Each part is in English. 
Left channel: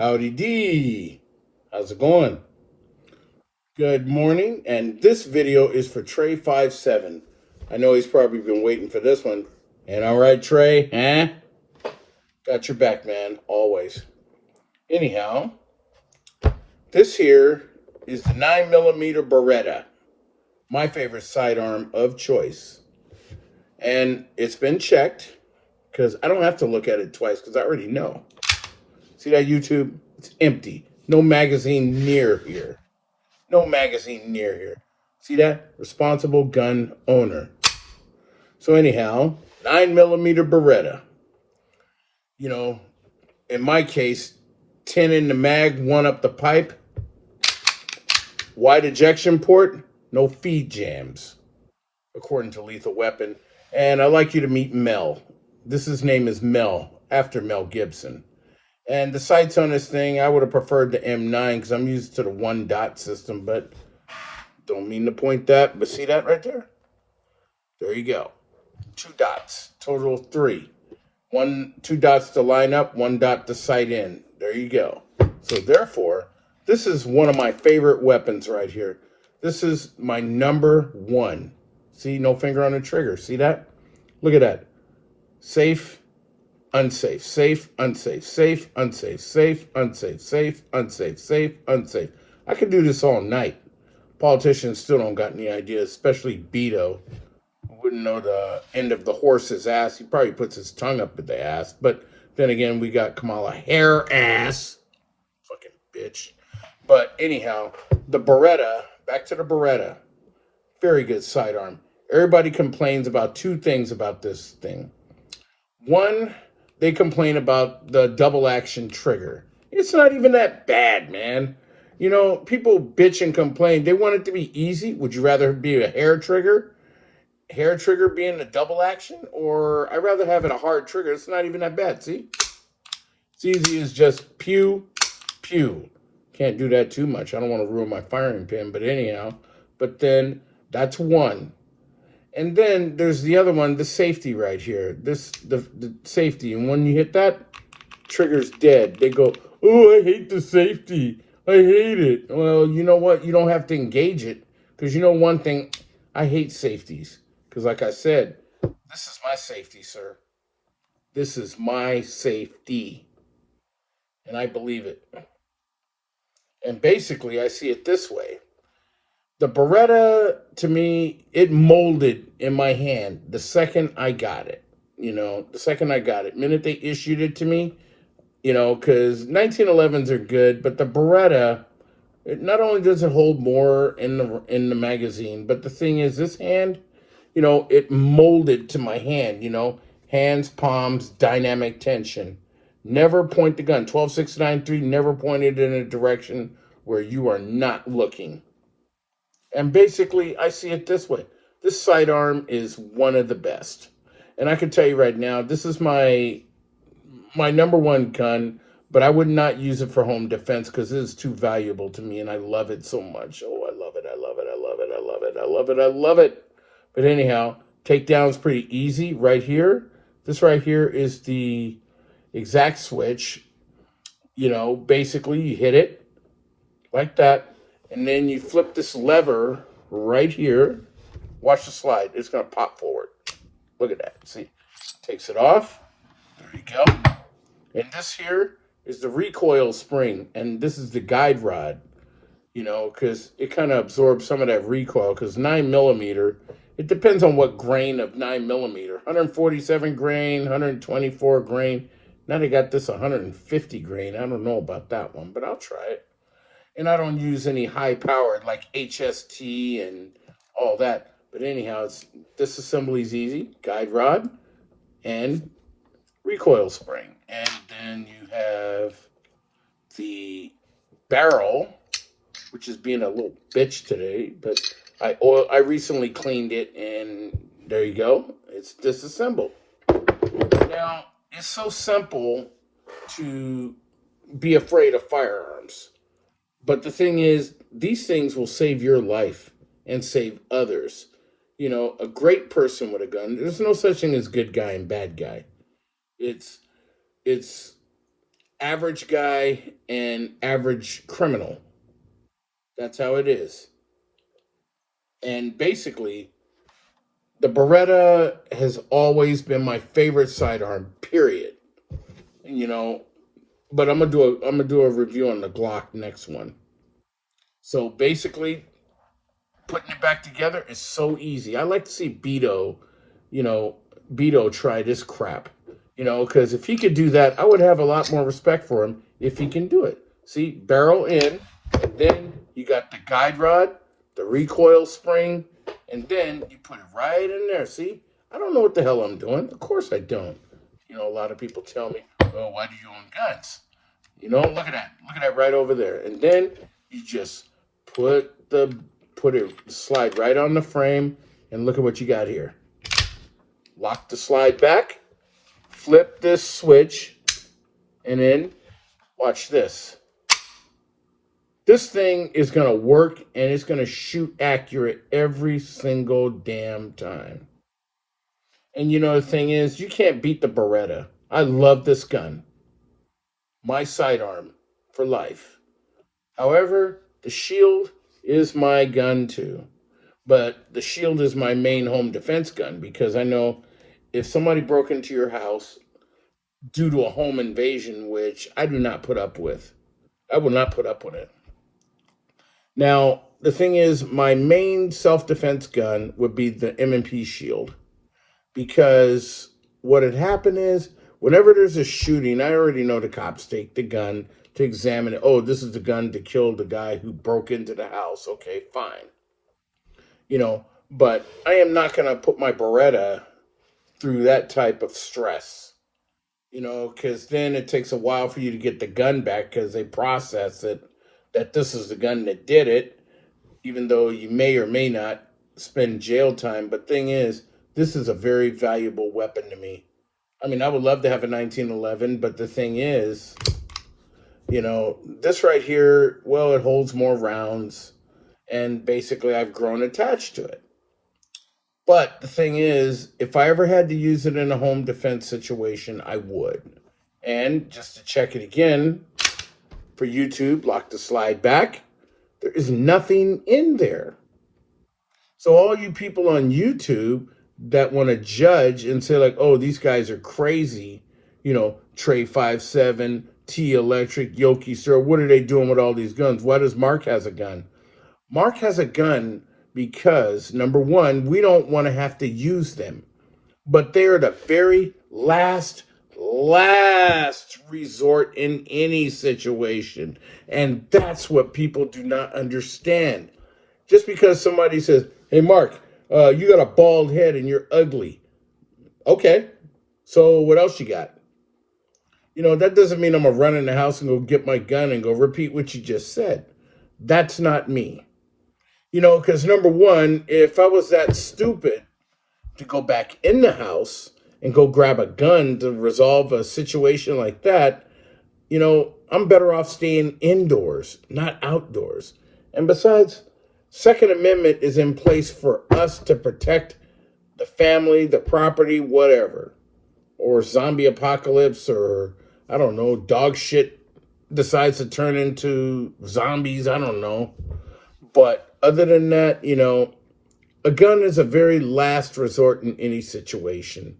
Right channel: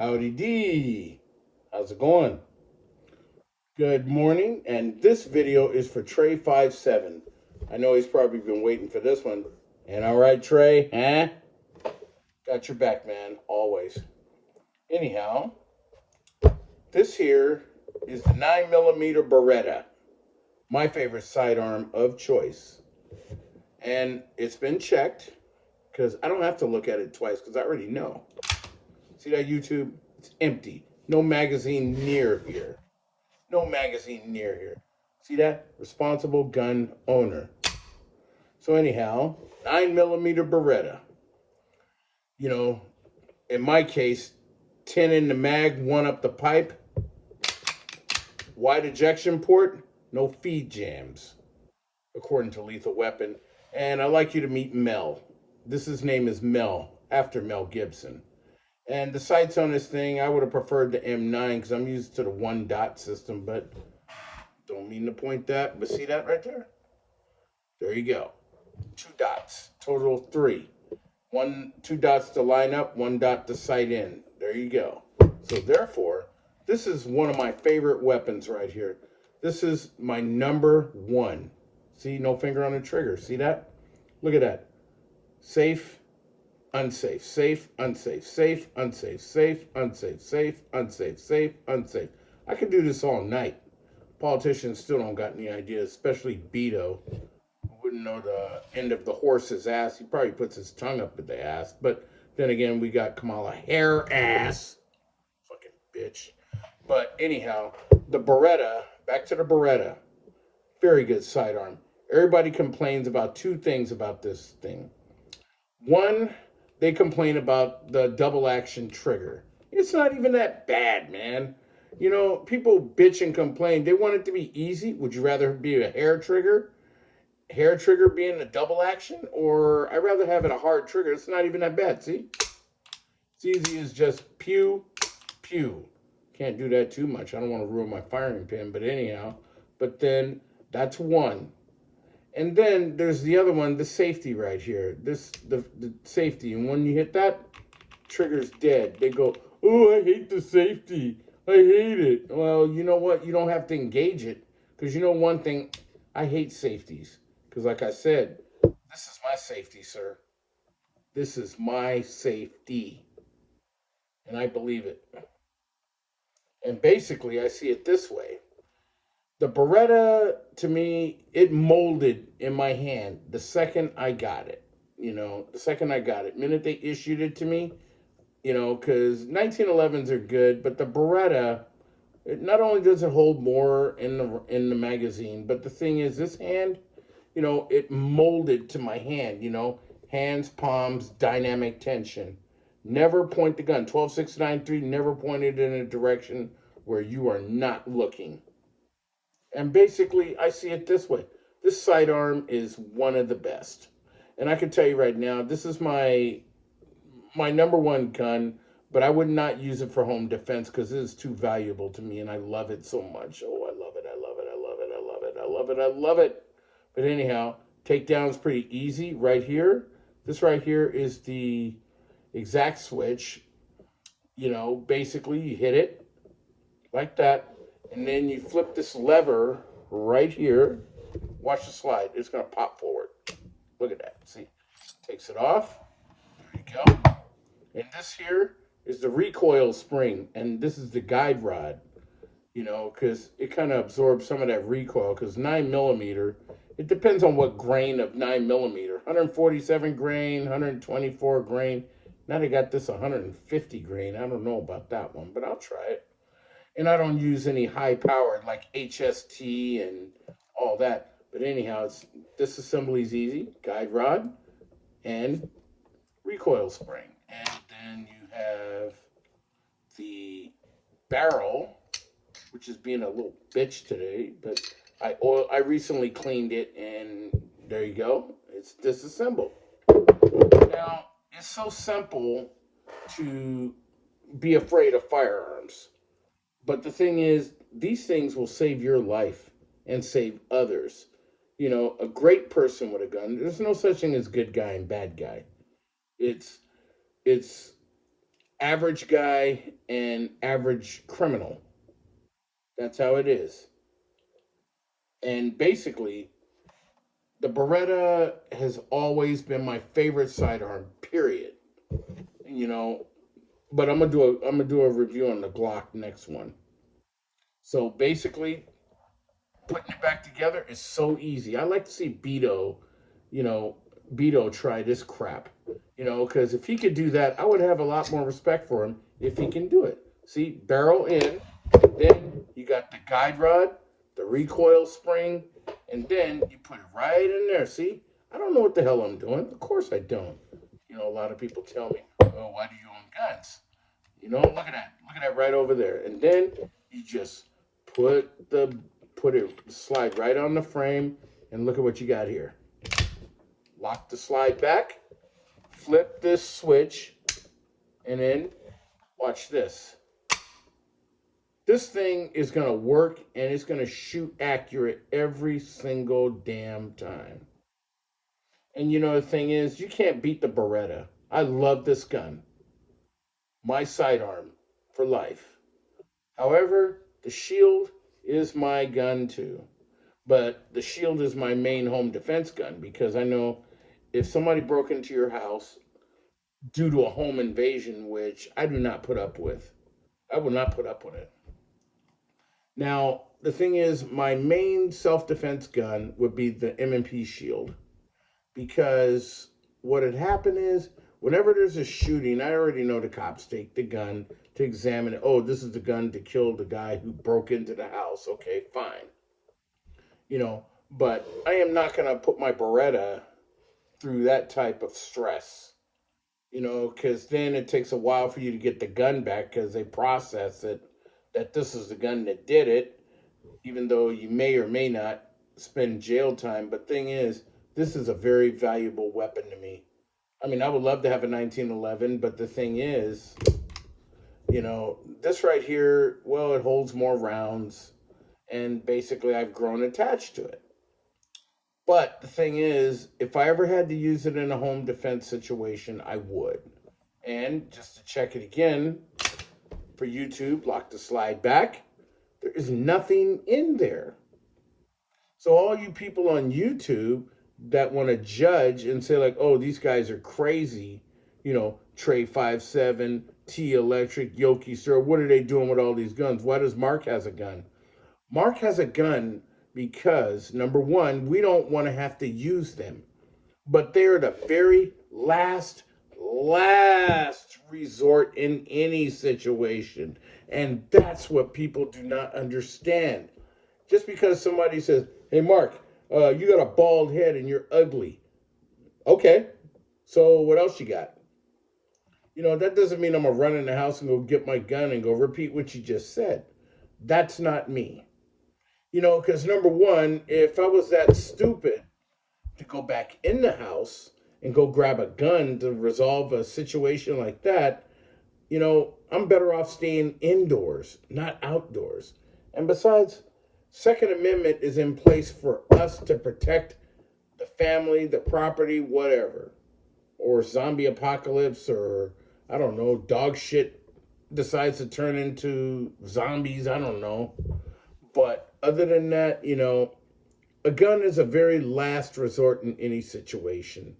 Howdy D. How's it going? Good morning. And this video is for Trey 57. I know he's probably been waiting for this one. And all right, Trey, huh? Got your back, man, always. Anyhow, this here is the 9mm beretta, my favorite sidearm of choice. And it's been checked because I don't have to look at it twice because I already know. See that YouTube? It's empty. No magazine near here. No magazine near here. See that? Responsible gun owner. So anyhow, 9mm Beretta. You know, in my case, 10 in the mag, one up the pipe, wide ejection port, no feed jams, according to Lethal Weapon. And I'd like you to meet Mel. His name is Mel, after Mel Gibson. And the sights on this thing, I would have preferred the M9 because I'm used to the one dot system, but don't mean to point that. But see that right there? There you go. Two dots, total of three. Two dots to line up, one dot to sight in. There you go. So therefore, this is one of my favorite weapons right here. This is my number one. See, no finger on the trigger. See that? Look at that. Safe, unsafe, safe, unsafe, safe, unsafe, safe, unsafe, safe, unsafe, safe, unsafe. I could do this all night. Politicians still don't got any ideas, especially Beto. Wouldn't know the end of the horse's ass. He probably puts his tongue up at the ass. But then again, we got Kamala hair ass. Fucking bitch. But anyhow, the Beretta, back to the Beretta. Very good sidearm. Everybody complains about two things about this thing. One, they complain about the double action trigger. It's not even that bad, man. You know, people bitch and complain. They want it to be easy. Would you rather be a hair trigger? Hair trigger being a double action, or I'd rather have it a hard trigger. It's not even that bad. See, it's easy as just pew pew. Can't do that too much. I don't want to ruin my firing pin, but anyhow. But then that's one, and then there's the other one, the safety right here. The safety, and when you hit that, trigger's dead. They go, oh, I hate the safety. I hate it. Well, you know what? You don't have to engage it because you know one thing. I hate safeties. Because, like I said, this is my safety, sir. This is my safety. And I believe it. And basically, I see it this way. The Beretta, to me, it molded in my hand the second I got it. You know, the second I got it. Minute they issued it to me, you know, because 1911s are good, but the Beretta, it not only does it hold more in the magazine, but the thing is, this hand, you know, it molded to my hand, you know, hands, palms, dynamic tension. Never point the gun. 12-6-9-3, never pointed in a direction where you are not looking. And basically, I see it this way. This sidearm is one of the best. And I can tell you right now, this is my number one gun, but I would not use it for home defense because it is too valuable to me and I love it so much. Oh, I love it. I love it. I love it. I love it. I love it. I love it. But anyhow, takedown's pretty easy right here. This right here is the exact switch. You know, basically you hit it like that, and then you flip this lever right here. Watch the slide. It's going to pop forward. Look at that. See, takes it off. There you go. And this here is the recoil spring, and this is the guide rod, you know, because it kind of absorbs some of that recoil. Because 9mm, it depends on what grain of 9mm. 147 grain, 124 grain. Now they got this 150 grain. I don't know about that one, but I'll try it. And I don't use any high powered like HST and all that. But anyhow, disassembly is easy. Guide rod and recoil spring. And then you have the barrel, which is being a little bitch today, but I recently cleaned it, and there you go. It's disassembled. Now, it's so simple to be afraid of firearms. But the thing is, these things will save your life and save others. You know, a great person with a gun, there's no such thing as good guy and bad guy. It's it's average guy and average criminal. That's how it is. And basically, the Beretta has always been my favorite sidearm, period. You know, but I'm gonna do a review on the Glock next one. So basically, putting it back together is so easy. I like to see you know, Beto try this crap. Because if he could do that, I would have a lot more respect for him if he can do it. See, barrel in, and then you got the guide rod, the recoil spring, and then you put it right in there. See, I don't know what the hell I'm doing. Of course I don't. A lot of people tell me, "Oh, why do you own guns?" Look at that. Look at that right over there. And then you just put it slide right on the frame, and look at what you got here. Lock the slide back, flip this switch, and then watch this. This thing is going to work, and it's going to shoot accurate every single damn time. And the thing is, you can't beat the Beretta. I love this gun. My sidearm for life. However, the Shield is my gun too. But the Shield is my main home defense gun because I know if somebody broke into your house due to a home invasion, which I do not put up with, I will not put up with it. Now, the thing is, my main self-defense gun would be the M&P Shield because what had happened is whenever there's a shooting, I already know the cops take the gun to examine it. Oh, this is the gun to kill the guy who broke into the house. Okay, fine. But I am not going to put my Beretta through that type of stress, because then it takes a while for you to get the gun back because they process it that this is the gun that did it, even though you may or may not spend jail time. But thing is, this is a very valuable weapon to me. I mean, I would love to have a 1911, but the thing is, this right here, well, it holds more rounds, and basically I've grown attached to it. But the thing is, if I ever had to use it in a home defense situation, I would. And just to check it again, for YouTube, lock the slide back. There is nothing in there. So all you people on YouTube that want to judge and say like, oh, these guys are crazy, Trey 57, T Electric, Yoki Sir, what are they doing with all these guns? Why does Mark has a gun? Mark has a gun because, number one, we don't want to have to use them. But they're the very last resort in any situation. And that's what people do not understand. Just because somebody says, hey, Mark, you got a bald head and you're ugly. Okay, so what else you got? That doesn't mean I'm going to run in the house and go get my gun and go repeat what you just said. That's not me. Because number one, if I was that stupid to go back in the house and go grab a gun to resolve a situation like that, I'm better off staying indoors, not outdoors. And besides, Second Amendment is in place for us to protect the family, the property, whatever. Or zombie apocalypse, or I don't know, dog shit decides to turn into zombies, I don't know. But other than that, a gun is a very last resort in any situation.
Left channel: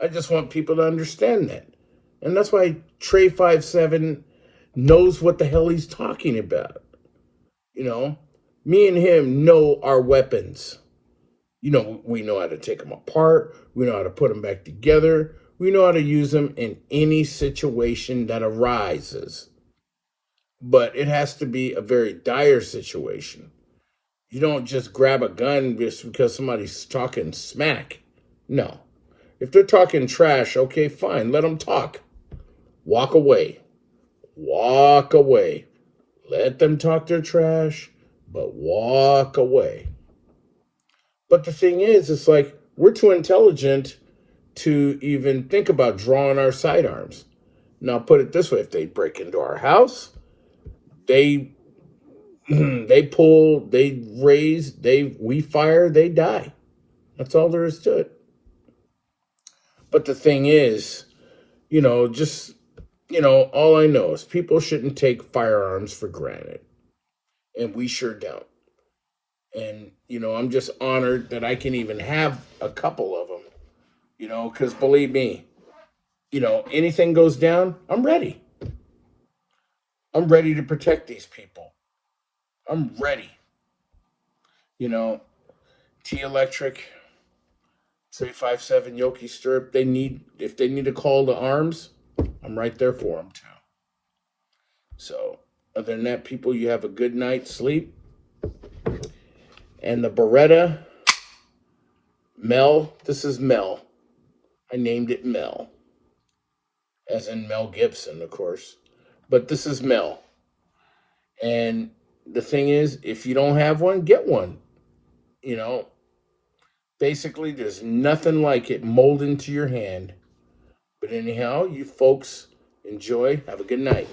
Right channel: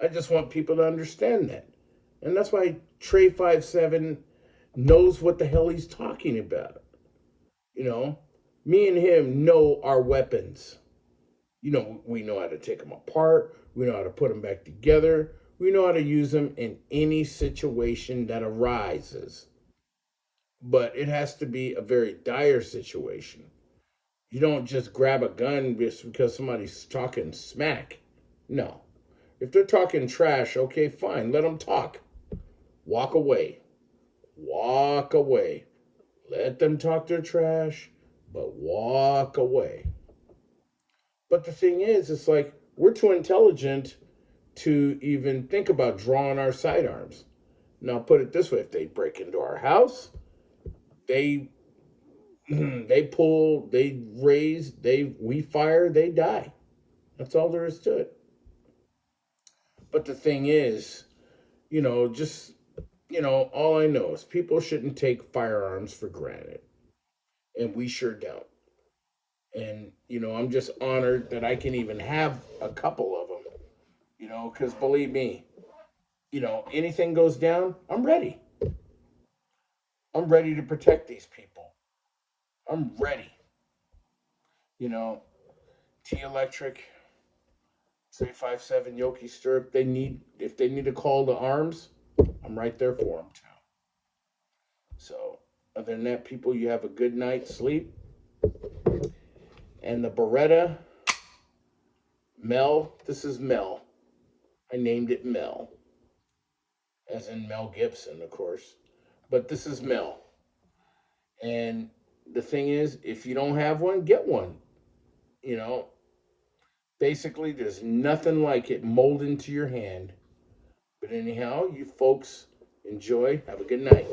I just want people to understand that. And that's why Trey 57 knows what the hell he's talking about. Me and him know our weapons. We know how to take them apart. We know how to put them back together. We know how to use them in any situation that arises. But it has to be a very dire situation. You don't just grab a gun just because somebody's talking smack. No. If they're talking trash, okay, fine, let them talk. Walk away. Walk away. Let them talk their trash, but walk away. But the thing is, it's like we're too intelligent to even think about drawing our sidearms. Now, put it this way, if they break into our house, they they pull, they raise, we fire, they die. That's all there is to it. But the thing is, just all I know is people shouldn't take firearms for granted, and we sure don't. And I'm just honored that I can even have a couple of them. Because believe me, anything goes down, I'm ready. I'm ready to protect these people. I'm ready. You know, T Electric, 357 Yoki Stirrup. If they need a call to arms, I'm right there for them too. So, other than that, people, you have a good night's sleep. And the Beretta, Mel, this is Mel. I named it Mel, as in Mel Gibson, of course. But this is Mel. And the thing is, if you don't have one, get one. You know, basically, there's nothing like it mold into your hand. But anyhow, you folks enjoy. Have a good night.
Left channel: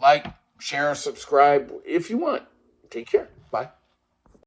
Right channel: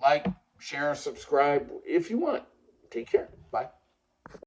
Like, share, subscribe if you want. Take care. Bye.